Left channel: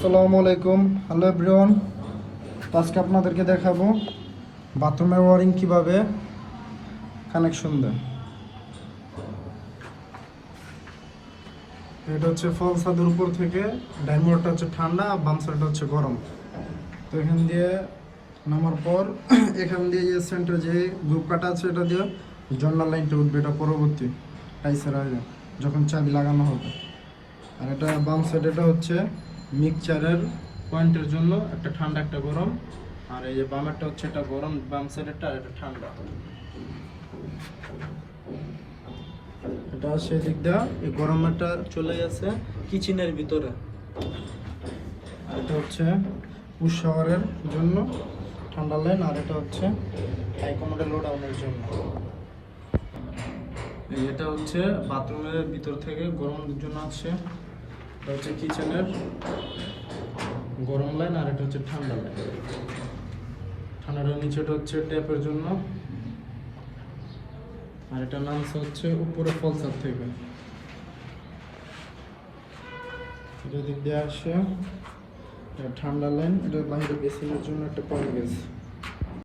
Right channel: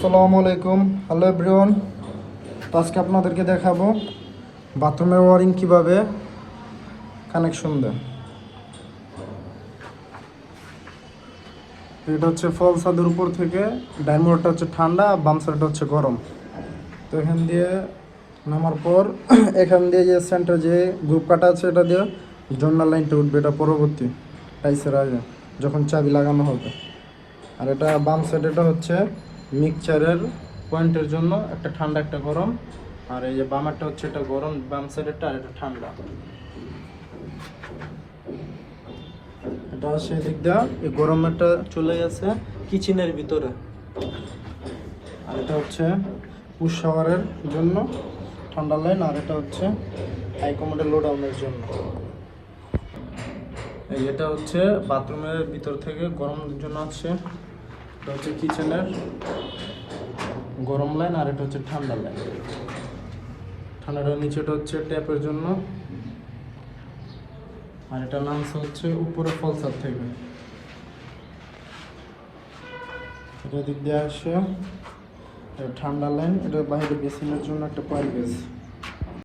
আসসালামু আলাইকুম, hello everyone. তো আজকে আপনাদেরকে দেখাবো বাথরুমের ওয়ারিং কিভাবে কানেকশন দেয়। এটা হচ্ছে ফল ছাদের উপর থেকে ডাইন মোড়টা হচ্ছে ঠান্ডা, বাম সাইডটা হচ্ছে গরম। তো এখান দিয়ে নামার পর এখান দিয়ে যে সেন্টার যে গ্রুপ কাটা আছে এটা দিয়ে জর্নাল লাইনটা উঠবে, এটা পরবর্তী টাইসের আগে যখন চাবি লাগানো হবে। আর এটা বাম সাইড, এটা হচ্ছে মিক্সচারের পয়েন্টের জন্য, একটা ঠান্ডা একটা গরম। আর এই যে বামেরটা হচ্ছে এটা গরম, বাম সাইডেরটা, আর এটা ঠান্ডা। এটা সেই দিক দিয়ে এই গরমেরটা চলে গেছে কিচেনের ভিতরে। আর এটা হচ্ছে পুশ শাওয়ারের জন্য ঠান্ডা লাইন, আর এটা হচ্ছে হাই কমান্ডের লো ডাউনের জন্য। এটা হচ্ছে বাথরুমের ভিতর থেকে গরমের জন্য আছে, এটা হচ্ছে কিচেনের গরম লাইন, আর এটা হচ্ছে ঠান্ডা লাইন। ঠান্ডাটার নিচেটা হচ্ছে ট্যাপের জন্য, আর এটা নামছে হচ্ছে উপরে ফলসার থেকে। এটা দিক দিয়ে আসে ঠান্ডা লাইন, এটা বাইরে বেসিনের জন্য একটা পাইপ গেছে।